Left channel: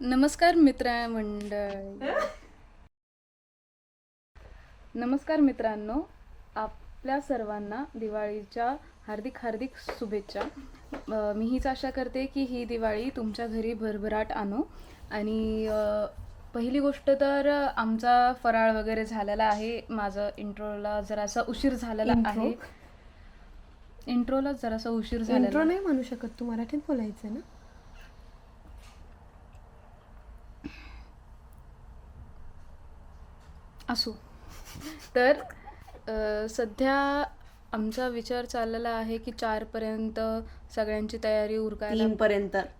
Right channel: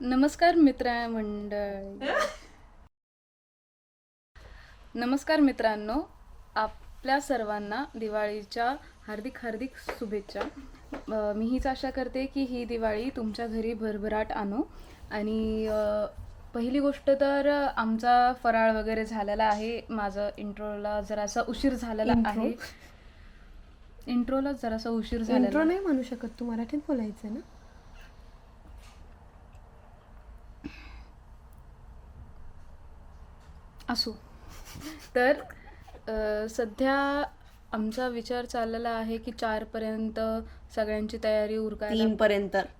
नमस्कार नमस्कार मित्रांनो, आपल्या सर्वांना दिवाळीच्या हार्दिक हार्दिक शुभेच्छा. मी हीच आशा करते की ही दिवाळी तुमच्या घरी भरभराट आणो. आणि पहिली गोष्ट तर आमचा फराळ वगैरे झालेला आहे. माझं इंट्रोला जरासा उशीर झालेला आहे. इंट्रोला जरासा उशीर झालेला. इंट्रो नाही म्हणू शकत, तू मराठीत बोलायचं ना. असो. तर सध्या आमचा विचार चाललेला आहे की 4 पर्यंत सगळ्यांची तयारी उरकायला,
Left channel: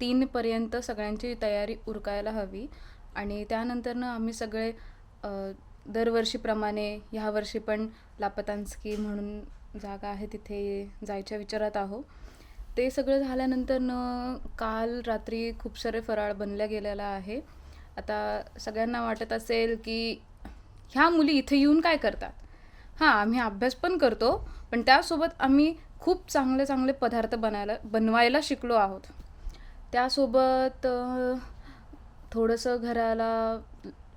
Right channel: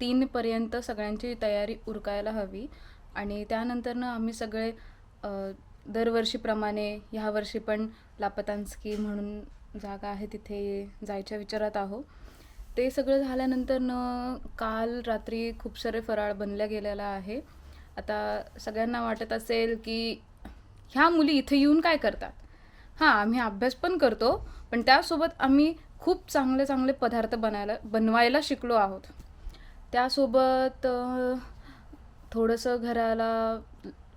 3 पर्यंत सगळ्यांची तयारी उरकायला हवी. आणि त्यानंतरनं आम्ही सगळे दरवर्षीप्रमाणे ह्या वर्षी पण लापतांस्की म्हणून जागा आहे तिथे जायच्या विचारात आहो. ते सगळं झाल्यानंतरनं काल रात्री खूप सारे फराळ बनल्या गेलेला आहे. आता सगळ्यांना वाटत असेल की ह्या मुली इथे येऊन काय करतात. हां, आम्ही अभ्यास पण करतो, पण त्यासोबत आम्ही खूप चांगले चांगले पदार्थ बनवायला शिकलो आहोत. त्यासोबत थोडंसं घराला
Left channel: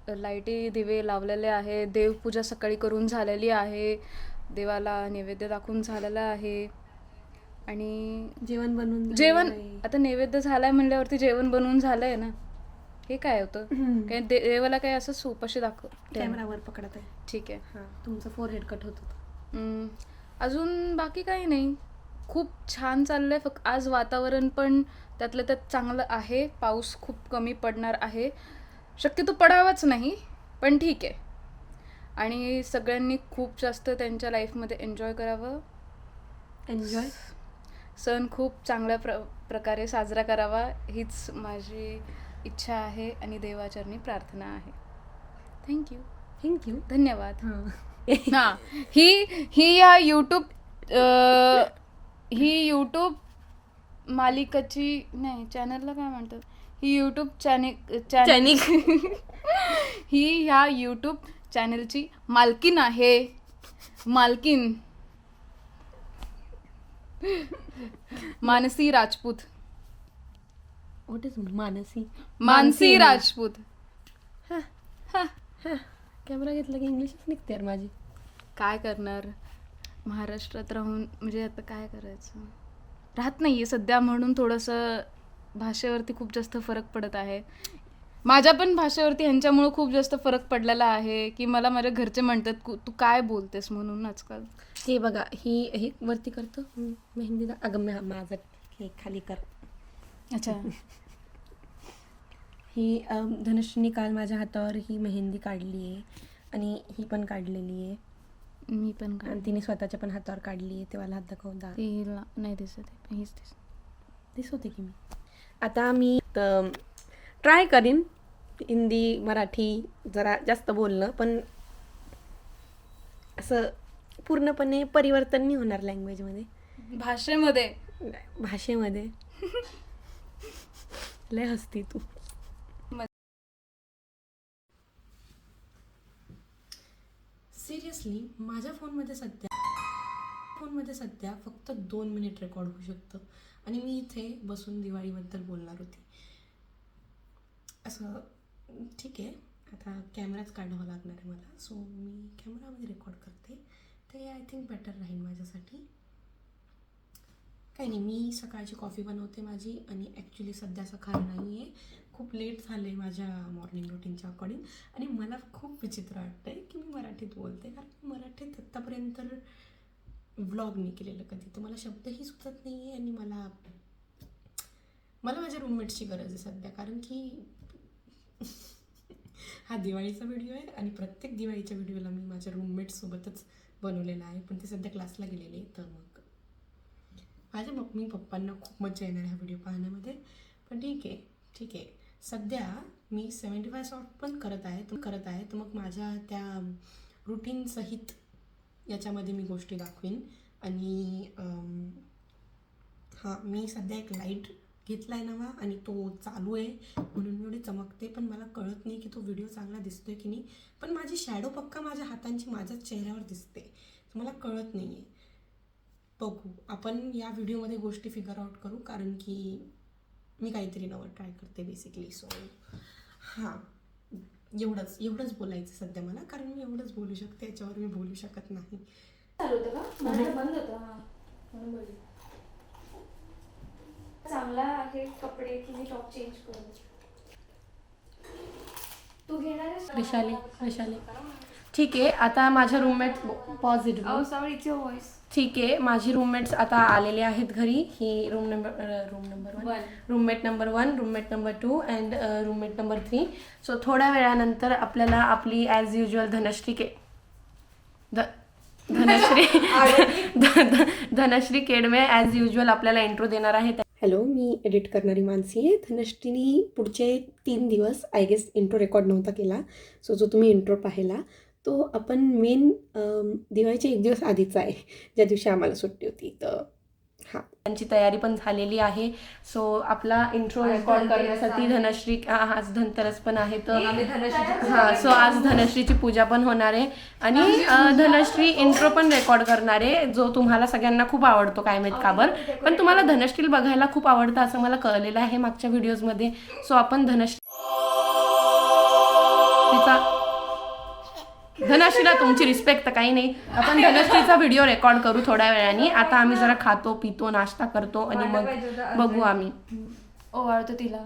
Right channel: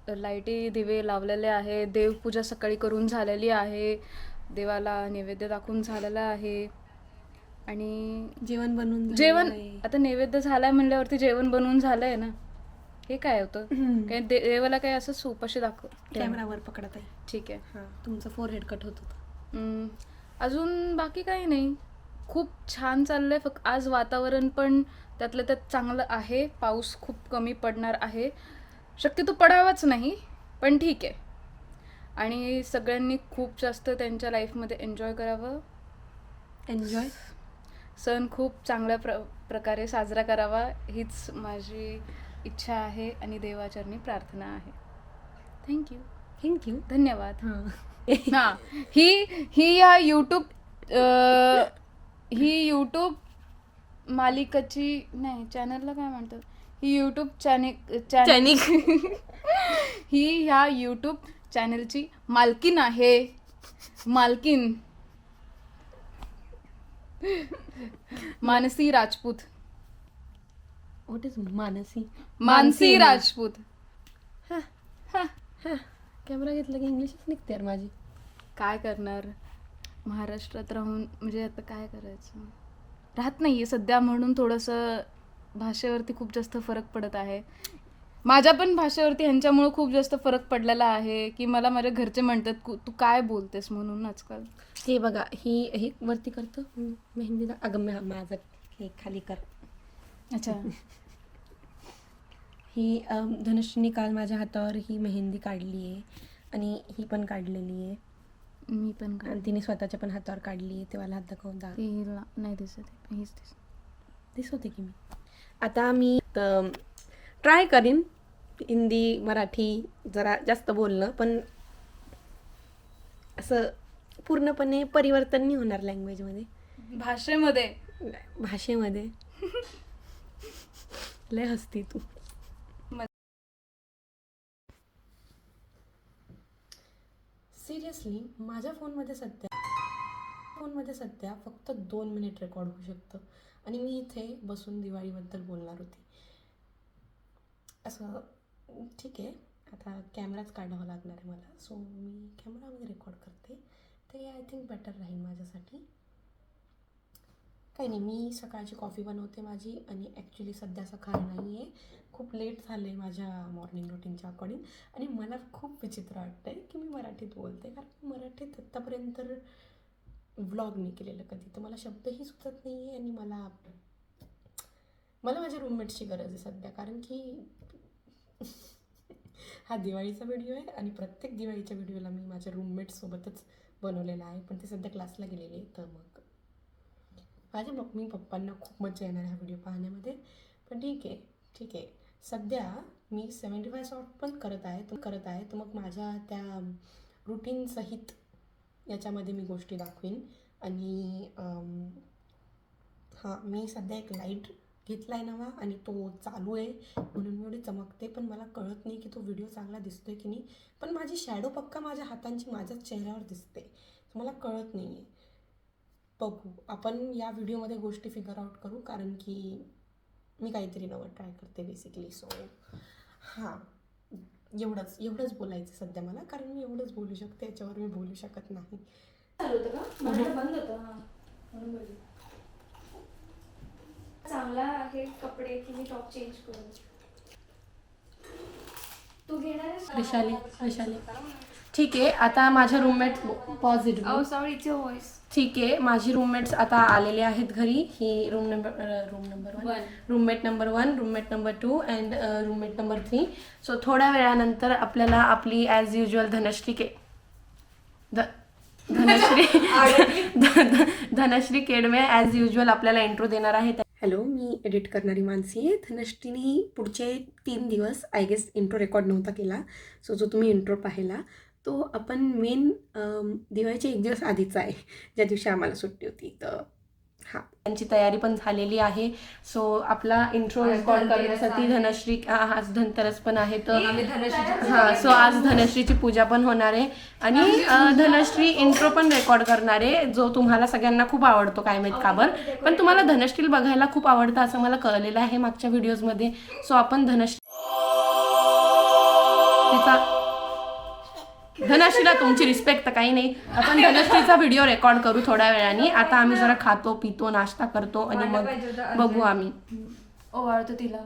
लाईटी दिवे लावलेले आहे. देवपूजा सकाळी करून झालेली आहे. देवाला नैवेद्य दाखवून झालेला आहे. आणि जेवण आता नैवेद्य झालाय म्हणल्यावरती जेवण बनवून झालंय ना. हे काय होतं, काय देवाला काय असं उपाशी दाखव. कॅमेरावर पकडत आहे. ठीक आहे. तुमचं फोरहेड कट होत होतं. अजून बाकी काही नाही, खूप छान चाललंय. फक्त आज वातावरण पण त्यातलं त्यात चांगलं आहे. पाऊस खूप कमी पडणार आहे, शक्यतो पडावाच नाही, पण ठीक आहे. आणि सगळ्यांनी खूप जास्त त्यांच्या लाईफमध्ये एन्जॉय करावं. एन्जॉय सण खूप चांगल्या प्रकारे साजरा करावा हीच माझी इच्छा आहे आणि देवाचरणी प्रार्थना आहे. थँक्यू. धन्यवाद. हां, ही या यूट्यूब मालिकाची नाही, चॅनलला काय म्हणतात, ही यूट्यूब चॅनल ही ह्या यूट्यूब चॅनलची मालकीन आहे. Mansi Rajput. What is Mansi Rajput. Camera घेतला की इंग्लिशच निघते यार माझी. काय करणार, महाराष्ट्रात राहून म्हणजे आता काय करायचं, राहत नाहीये सध्या, म्हणून थोडंसं भाषेवरती खूप जास्त फरक पडत आहे. माझ्या पण भाषेवरती ह्यांच्यामुळे खूप जास्त फरक पडलेला आहे की मला माझ्या घरचे म्हणतात तू काय बोलतेस म्हणून आजकाल. हे बघा, ही वरती करतो मेहंदीला. अगं माझं हे खाली कर. अच्छा. ही धनुष्यनी काल माझ्या हातावर ही मेहंदी काढली आहे आणि ही पण काढलेली आहे. मी पण आणि तिने स्वतःच्या पण हातावर काढली आहे. तेव्हा हात दाखवून तिला नाही दिसत, हीच दिसवते की मी. आता मी ट्राय करीन हिंदी मराठी जरा जास्त बोलणं, पण असं पूर्णपणे परिवर्तन नाही होणार लँग्वेजमध्ये, भाषेमध्ये. लय हसती तू. सिरियसली माझ्या फोनमध्ये सध्या फक्त 2 मिनिट रेकॉर्ड होऊ शकतं आणि मी इथे बसून दिवाळीबद्दल बोलणार होती. असं ठीक आहे, आता कॅमेराच काढावा लागणार आहे मला, सो मी कॅमेरामध्ये रेकॉर्ड करते. ते आय थिंक बेटर राहील माझ्यासाठी. काही नाही, मी सकाळची कॉफी बनवते माझी, आणि ॲक्च्युली सध्या सकाळ नाही आहे, खूप लेट झालं आहे माझ्या मॉर्निंग रुटीनच्या अकॉर्डिंग. आणि मला खूप विचित्र वाटतं आहे की मी मराठीत बोलते, कारण मराठीत आत्तापर्यंत व्लॉग नाही केलेलं कधी, तर मला शब्दही सुचत नाही आहे. आणि मला माझ्या रूममेट्सची गरज आहे सध्या, कारण की हा दिवाळीचा व्हिडिओ आहे आणि प्रत्येक दिवाळीच्या व्हिडिओला मी माझ्या रूममेट्ससोबतच बनवलेला आहे, पण ते सध्या क्लासला गेलेले, तर मग माझ्या मम्मी पप्पांना खूप मजा येणार ह्या व्हिडिओ पाहण्यामध्ये. पण ठीक आहे. सध्या मी 75 शॉट पण करत आहे, तर मग माझ्या त्या रुटीनसहित याच्यामध्ये मी गोष्टी दाखवीन. आणि हां, मी सध्या एक लाईट घेतला आहे नवा आणि तो चालू आहे, म्हणून मी एवढी चमकते, पण मला कळत नाही की तो व्हिडिओ चांगला दिसतोय की नाही. पण माझी शॅडो पक्का माझ्या हातांची माझ्याच चेहऱ्यावर दिसते, मला कळत नाही आहे. बघू, आपण या व्हिडिओमध्ये गोष्टी फिगर आउट करू, कारण की मी काहीतरी नवं ट्राय करते बेसिकली. सो हां, एवढंच बोलायचं सध्या मला, कारण मी एवढंच बोलू शकते, याच्यावर मी बोलू शकत नाही. चालू होतं का? माझं बंद होतं. हां, म्हणून बोलली. चांगला आहे कपडे की मी टॉप चेंज करू? तू घेणार आहेस? वैशाली ठीक आहे. आता माझ्या roommate positive sorry it's your voice. ठीक आहे. माझी रूममेट्स आता आलेले आहेत घरी. ही roommate number 1, roommate number 2 and roommate number 3. So थोड्या वेळानंतर आपल्याला आपली as usual Dhanashree Kedme as usual आपल्याला इंट्रो देणार आहे. हॅलो, मी एडिट करणारी मानसी आहे. धनश्रीनी पुढचे 3 दिवस आय गेस इंट्रो रेकॉर्ड नव्हता केला. सो जो तुम्ही इंट्रो पाहिला तो आपण मेन दिवाळीच्या 1 दिवस आधीचा आहे, ज्या दिवशी आम्हाला सुट्टी होती. तर हां, त्यांची तयारी पण झालेली आहे. सो आपला इंट्रो रेकॉर्ड करण्यासाठी धनश्री आज धनतेरस पण आहे, तर हां, सो आज धनश्रीची पूजा पण होणार आहे आणि धनश्री इंट्रो पण रेकॉर्ड करणार आहे, जो तुम्हाला सगळ्यांना खूप आवडतो, काय माहीत का बरं, पण तुम्हाला धनश्री बघायला खूप आवडतं असं मला कळलेलं आहे मागच्या व्हिडिओजमध्ये. सो आपण धनश्रीला तुमची रिस्पेक्ट तर काही नाही, आपण धनश्रीचा व्हिडिओ रेकॉर्ड करू थोड्या वेळाने. आता आम्ही जरा खातो पितो नाश्ता करतो आणि मग बघू आम्ही. ओवाळतो तिला.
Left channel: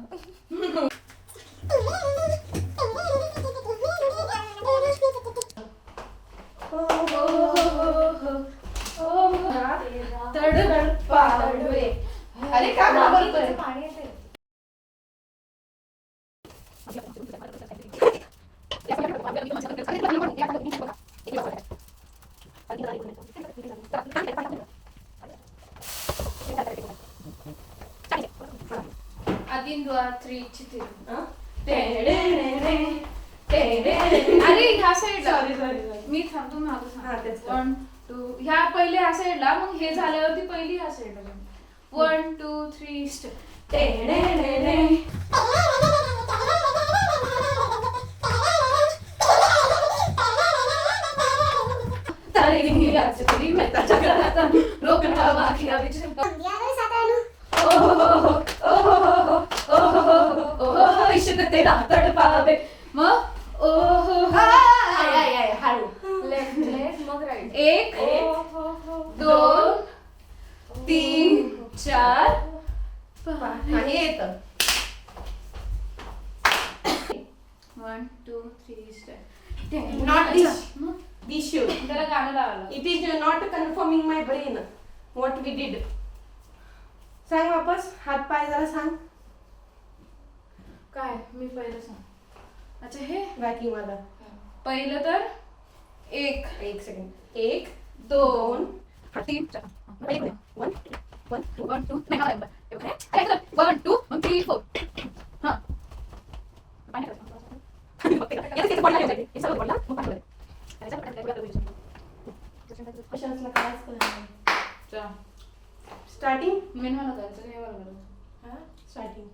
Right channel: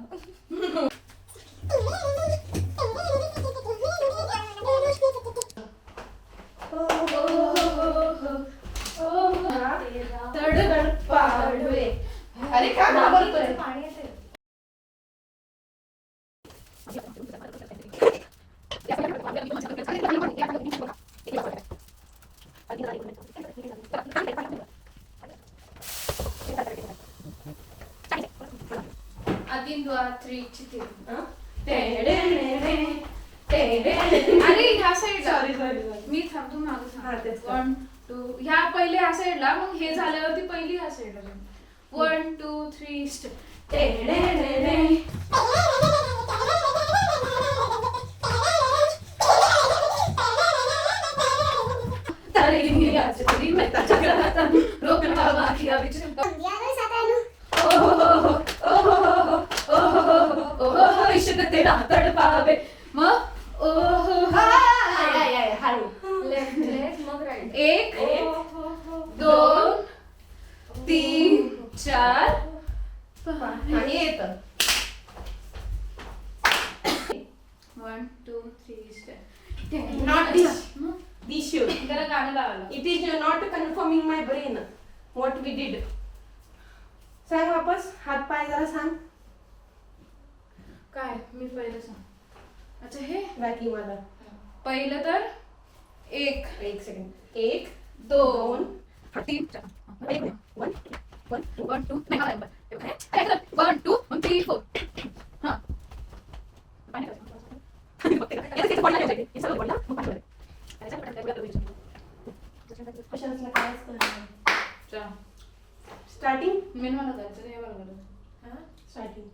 अरे काय आदिन 2 3 चिती. अरे ह्या साईडला मी थांबतो मागे. 1 2 ह्या पहिले ह्या साईडला, मग हे झाल्यावरती पहिली ह्या साईडला. 1 2 3 मग 1 2 3 4 आणि येतं 1 2 3 Not this should. त्याला गाणं लावायला. It is not confirming my brain what we did. सांग वापस, हात पाय जरा सांग. काय मी पहिलं सांग. अच्छा हे बाकी मला पहिलं तर 1 सेकंड 1 2 3 4 1 2 1 2 3 4 हां स्टार्टिंग मेन मला करायचं हे मला करायचं. हां स्टार्टिंग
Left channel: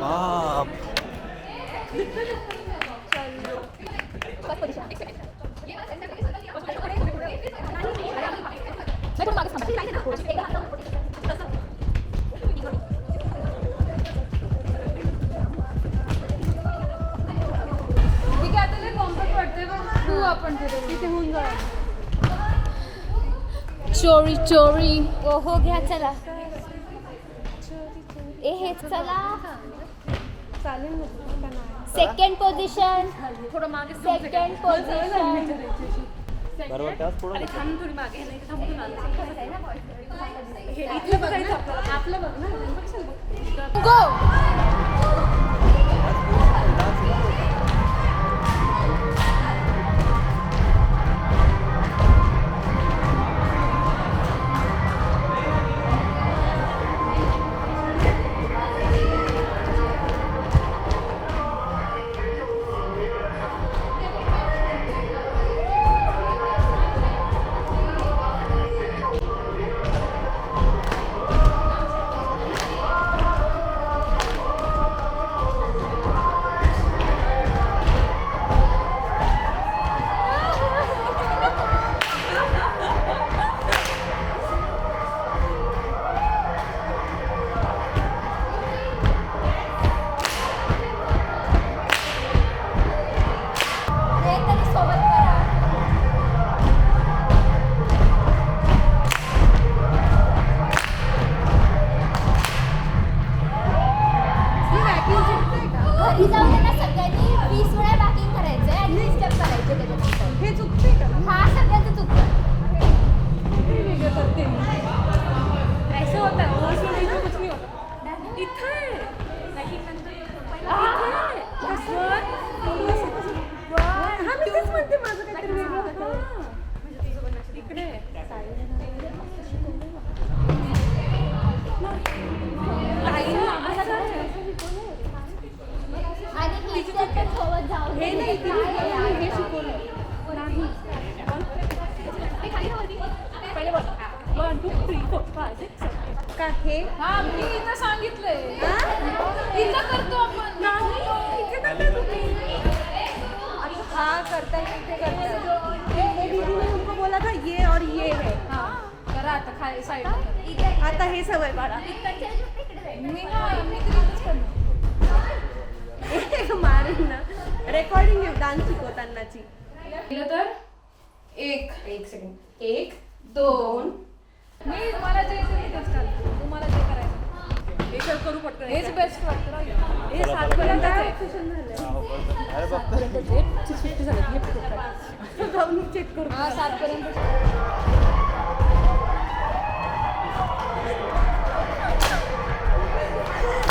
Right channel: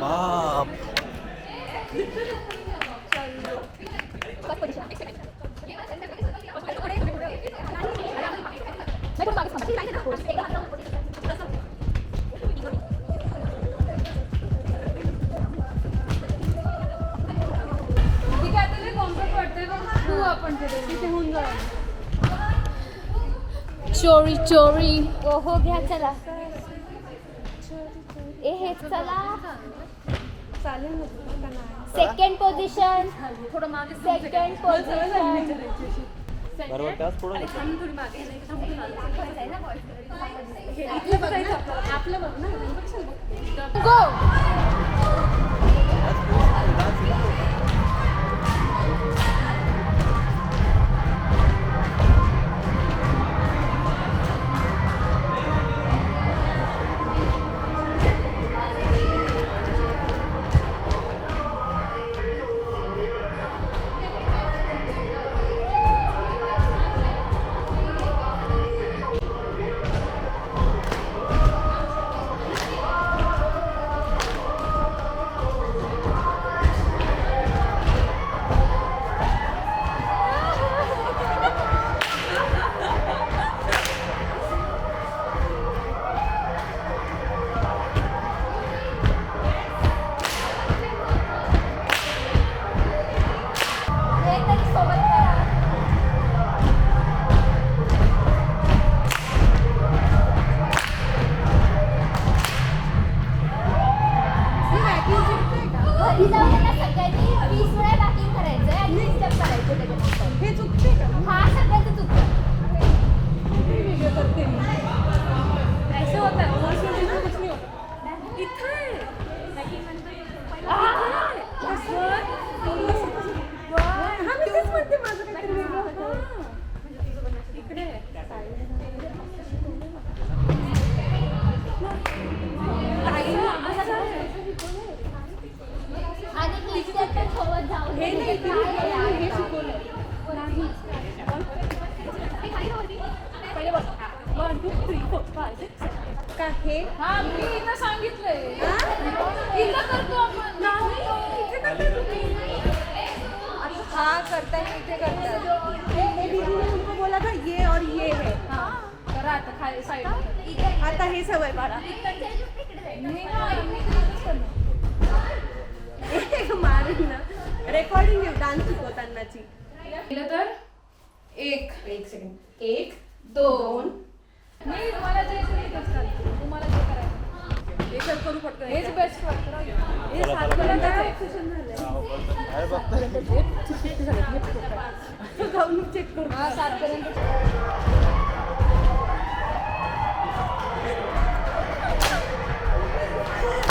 बाप चोरी चोरी. हो घ्या चला. ए हे चला. चालेल ना तुला का नाही? Second position. थोडं मागे सेकंड पोझिशन. बरोबर त्याच पुढे आपलं बघ ना. हे चुकते का? हा सगळ्याचं चुकतं. वेगळं करते मी. ऐसे होता है और कुछ नहीं होता. इथे हा मी तेच म्हणते माझं काहीतरी वेगळं होतं. इकडे आणि मी step पण सोबत जाऊ दे. हे नाही काय आहे यार? हे शिकवलं नाही. पहिले बघ 1 2 3 4 5 6 का हे अच्छा हाँ करता है इसे करता है. ये दीदी ने हमको बोला था ये और ये है. आता हे सवय बाळा. मारून ना रेकॉर्डिंग डान्स शिकवतानाची. केलं तर एक एक सेकंड 1 2 2 नाही तुम्हाला जे तुम्हाला हे करू पडतं. हेच बेस्ट वाटतं. हे 7 पर्यंत सेशन झालं. अरे बघता जाऊन चेक करू.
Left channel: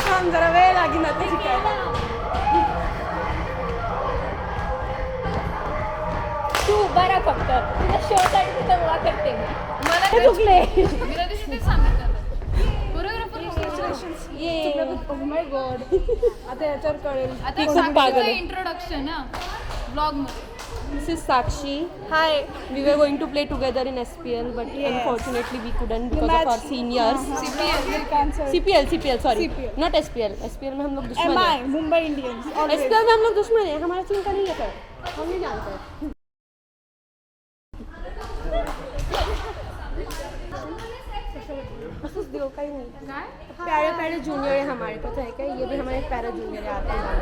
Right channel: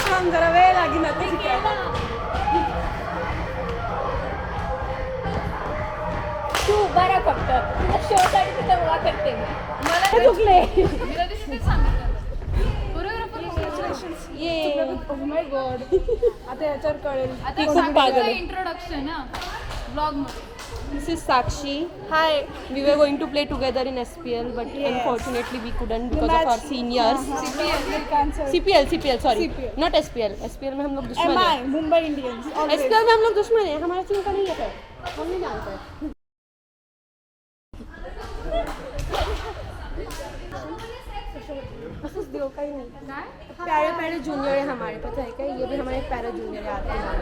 पण जरा वेळ लागेल ना ते शिकायला. तू बरं फक्त तुझ्या शोसाठी तिथं उभा करते मी. हे चुकले. Oh my God. आता याच्यावर कळेल ती खूप पागल आहे. इंट्रोडक्शन ना ब्लॉग मध्ये. This is Sakshi. Hi. We were going to play together in SPL, but unfortunately we couldn't because of our seniors. CPL, sorry. Not SPL. SPL में हम लोग दुश्मन हैं. मुंबई इंडियंस SPL में हम लोग दुश्मन हैं. हमारा टीम का नहीं है सर. हम नहीं जानते हैं. असंच दियो काही नहीं. प्यारे प्यारे जूनियर है हमारे, पता है क्या? ये भी हमारे प्यारे जूनियर है आपके नाम.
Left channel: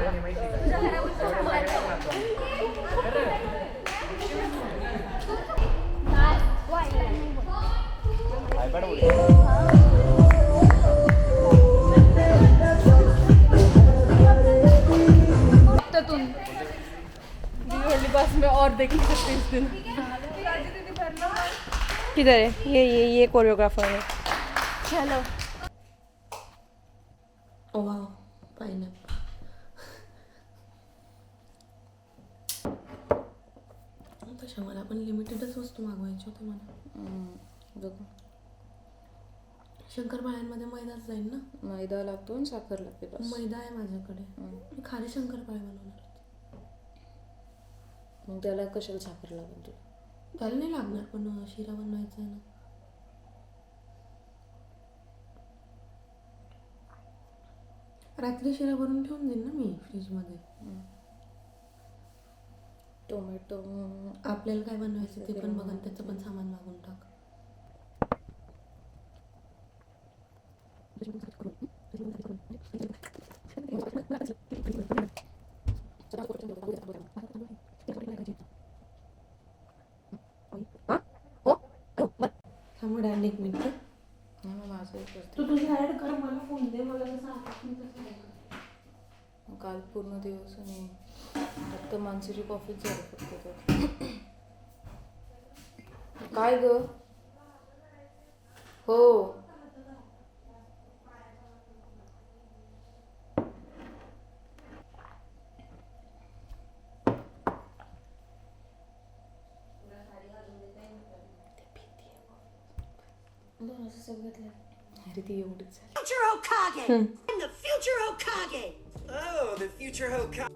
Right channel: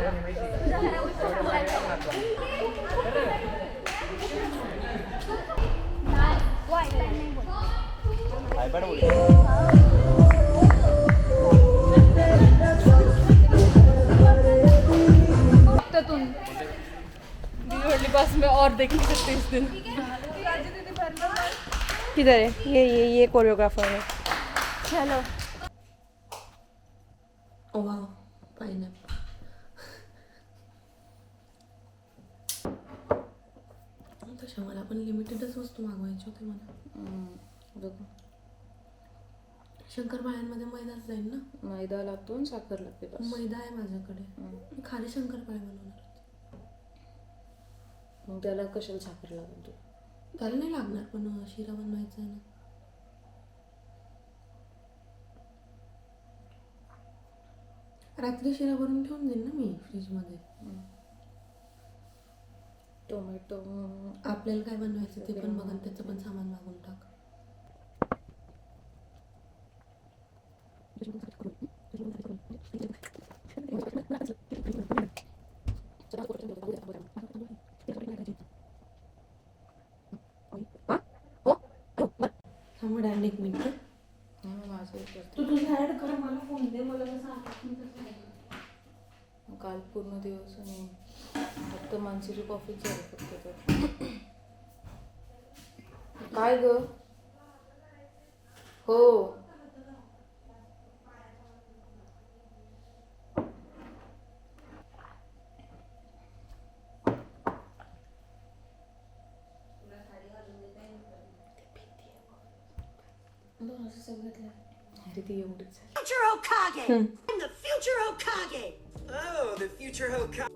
बस में और देख नहीं सकते इस दिन. किधर है ये कोरियोग्राफर है. चलो. ओ वाव पाइनएप्पल. तशा मला पण लिमिटेडच वस्तू मागवायची होती मला. बघू शंकरपाळ्यांमध्ये मैदाच जाईल ना. मैदा लागतो आणि साखर लागते बस. मैदा आहे माझ्याकडे. मी खाली शंकरपाळे बनवणार होते. मग त्याला कशाला साखर लागेल तुला? त्याला नाही लागणार, पण शिरा बनवायचा आहे ना. रात्री शिरा भरून ठेवून देईन ना मी फ्रीजमध्ये. टोमॅटो आपल्याला काय बनवायचं ते पण बघ आणि त्याचं पण सामान मागून टाक. थांबड आणि एक मिनिट. नाही मग माझं करते. तू तुझी ऍड कर, मला फोन दे, मला कसं आपण कसं आहे. मग काल पूर्ण दिवस आणि फक्त मानसीची कॉफीच झाली फक्त तर. काय ग? हो अरे ती एवढीच झाली. Future Hokage! I'm the future Hokage! Oh, the future Hokage.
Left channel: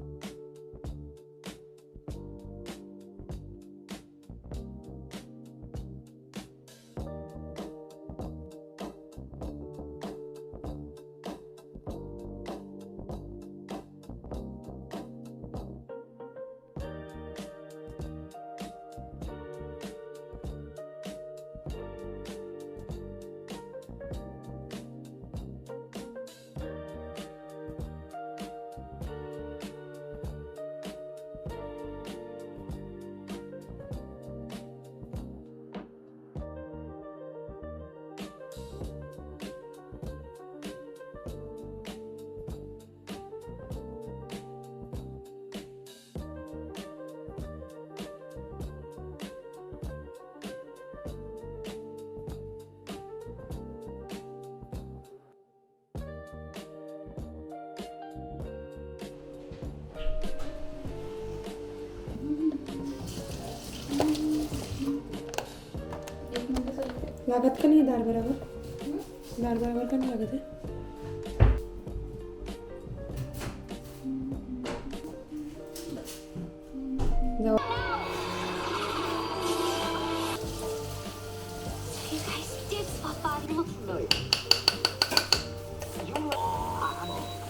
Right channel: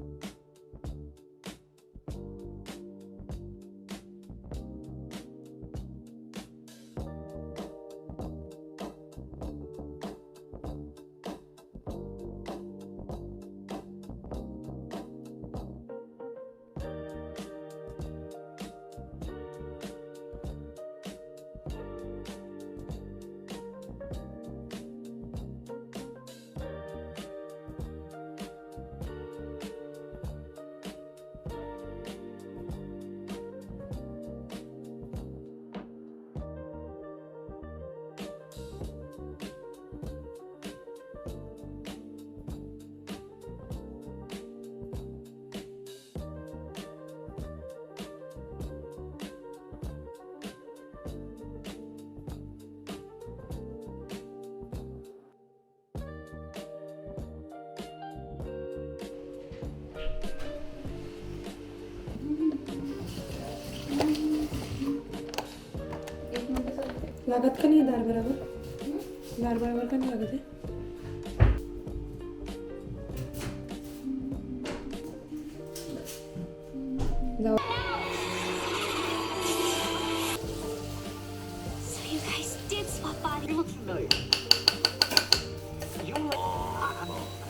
लागत का नाही दार बरोबर? दार बरोबर का नाही लागत आहे? So you guys did swap bodies.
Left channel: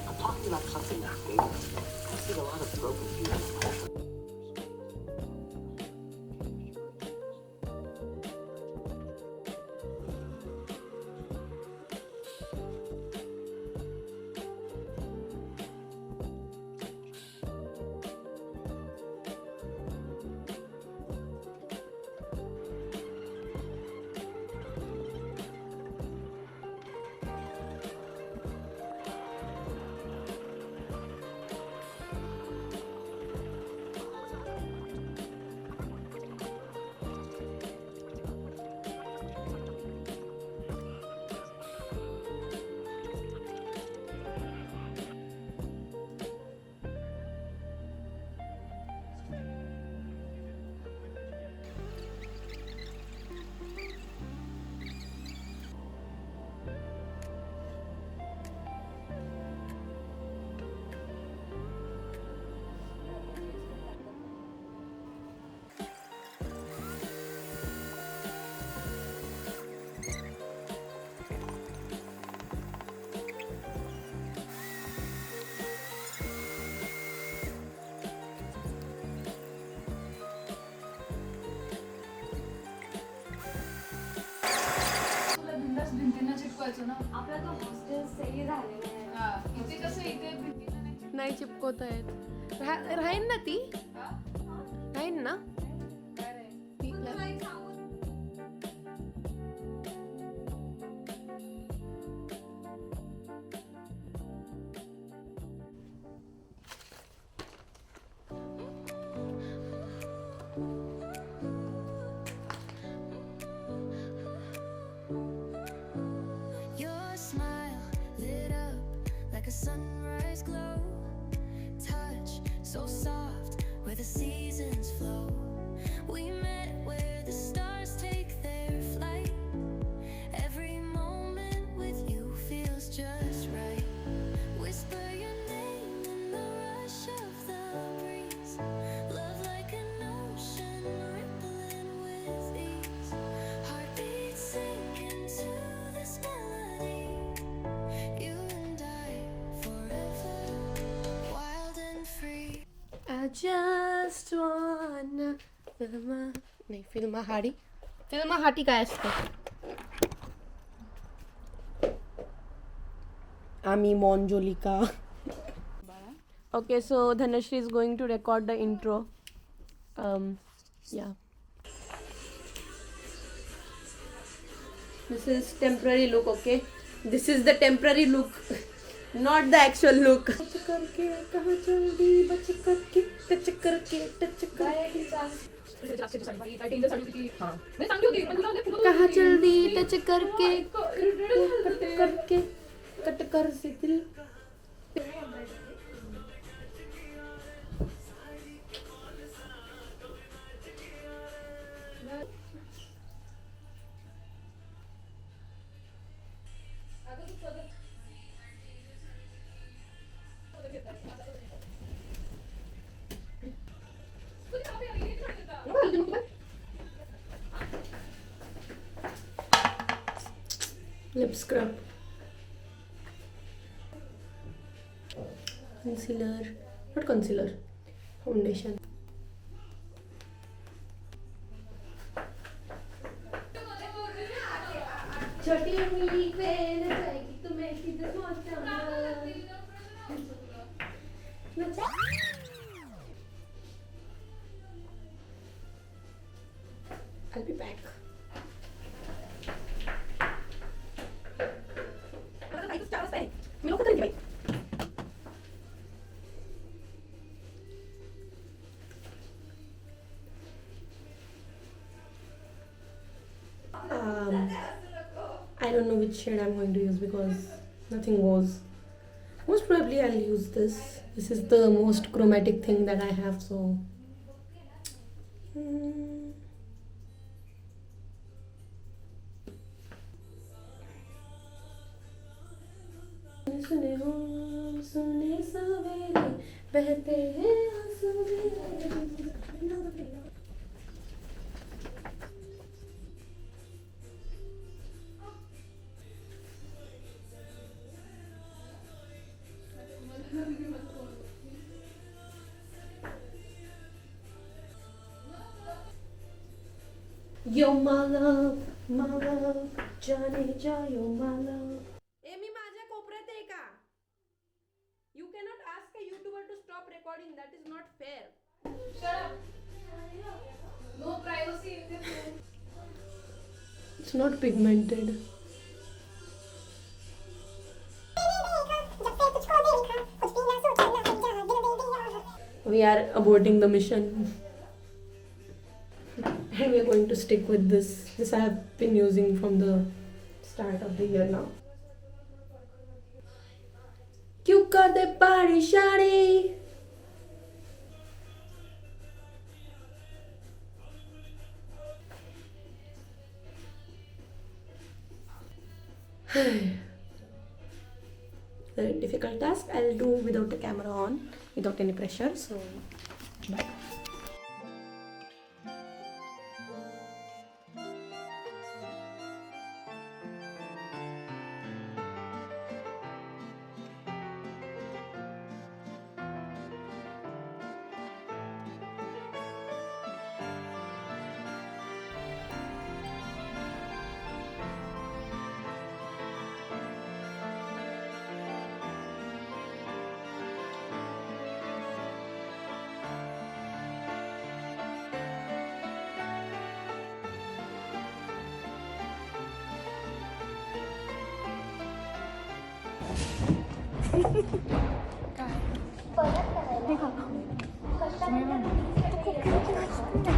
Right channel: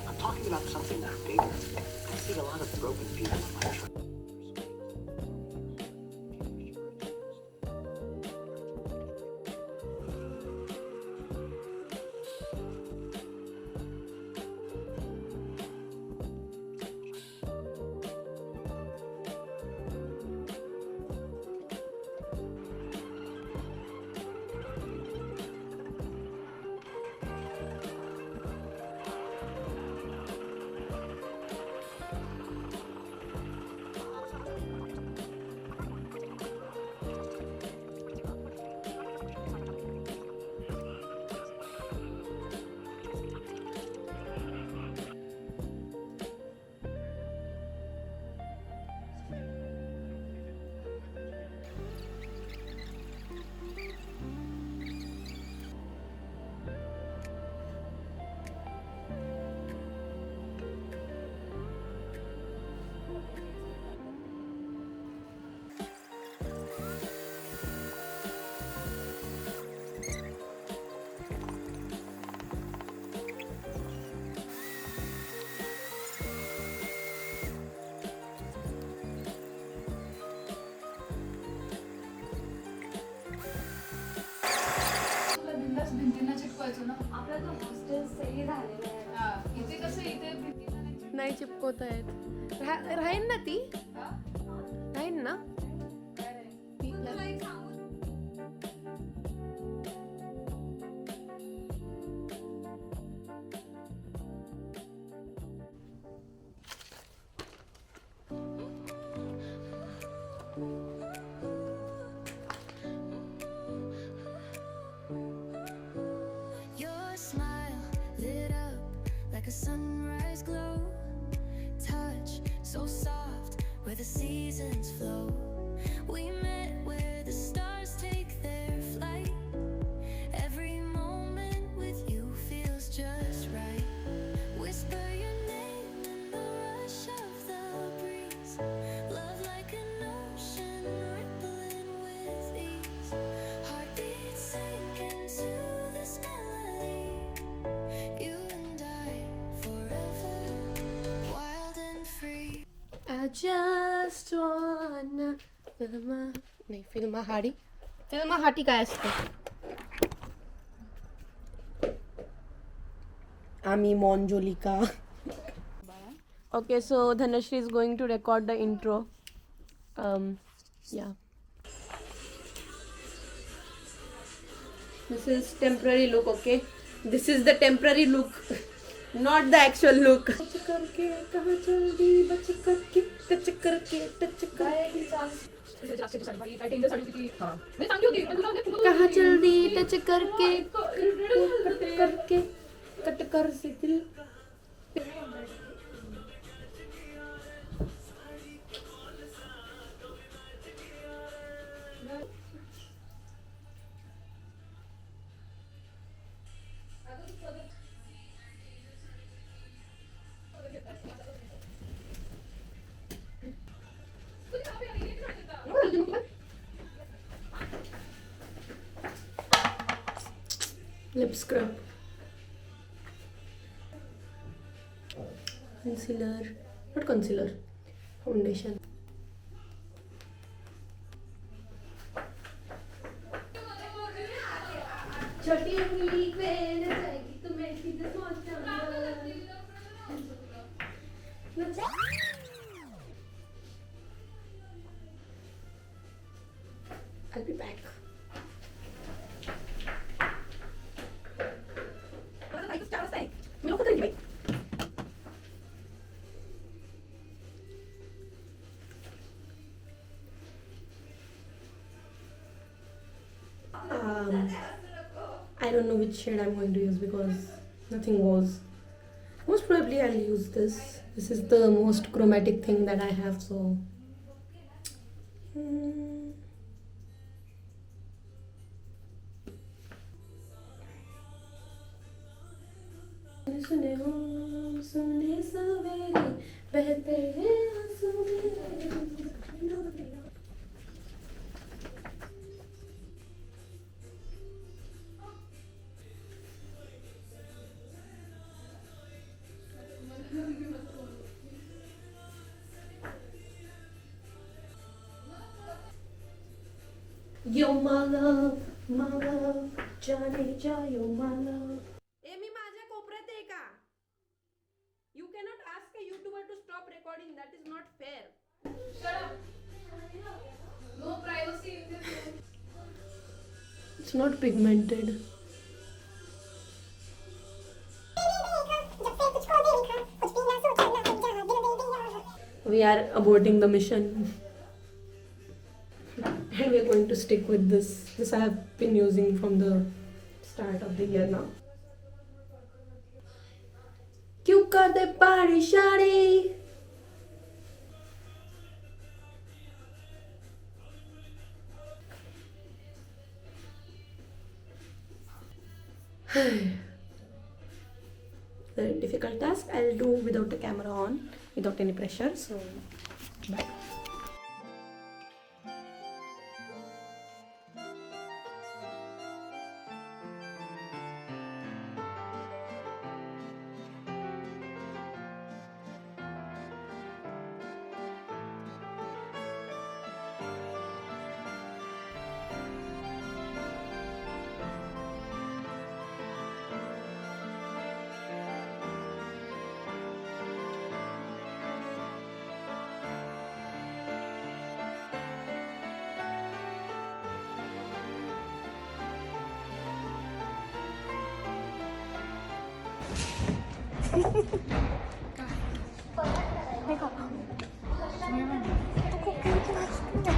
I'm talking about something that's bigger. I see a lot of broken pieces. नाही चिपकवत आहेत. राहीन ना ती? राहीन ना? Your smile lit up like a sunrise glow. Touch so soft where the seasons flow. We met where the stars take their flight. Every moment just right. Whisper your name in the rush of the breeze. Love like an ocean rippling with ease. Heartbeats sink into this melody. You and I forever, wild and free. I just wanna फिल्माहाडी काय असतं? आम्ही मॉन्जोलिका. Okay, so Dhanashri is going to record the intro. Yeah. This is temporary look, okay? This is the temporary look, not the actual look. Touch करके कहाँ चल दी बच करके touch करके कहाँ चल दी टच करके कट कर से दिल. Lip scrub, concealer, not concealer, foundation. छोटी उंगली पे न जाएगी तुम्हें सीधे सोचना. I'll be back. I don't know which shade I'm going to use because nothing goes. Most probably I'll use this. This is the most chromatic thing that I have, so. सुने हो सुने सवेरे बहते हैं आंसू मेरे. You're my love, जाने जा, you're my love. मी माझ्या कोपऱ्यात आहे का? You cannot ask a YouTuber to stop recording. That is not fair. Shut up. No privacy in this room. It's not pigmented. We are aborting the mission. And we're going to stick with this. This I have been using from the start of the year now. क्यों कर दे परेशानी? Very difficult task. I'll do without the camera on, without any pressure. So, bye.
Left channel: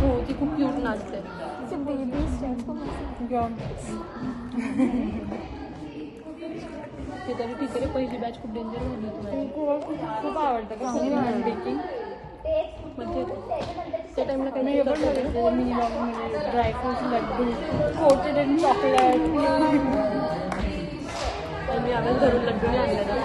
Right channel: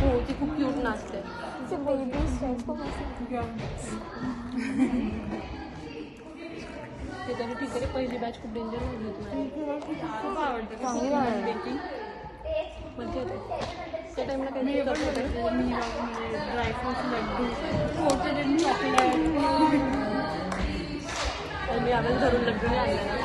हो ती खूप cute नाचते. ते तरी ठीक आहे. पहिली बॅच खूप डेंजर झाली होती. खूप आवडतं मजा येते. त्या टाइमला काही मिनी ड्रायफ्रूट लड्डू चॉकलेट आणि मी आम्हाला घरून लड्डूने आणलेलं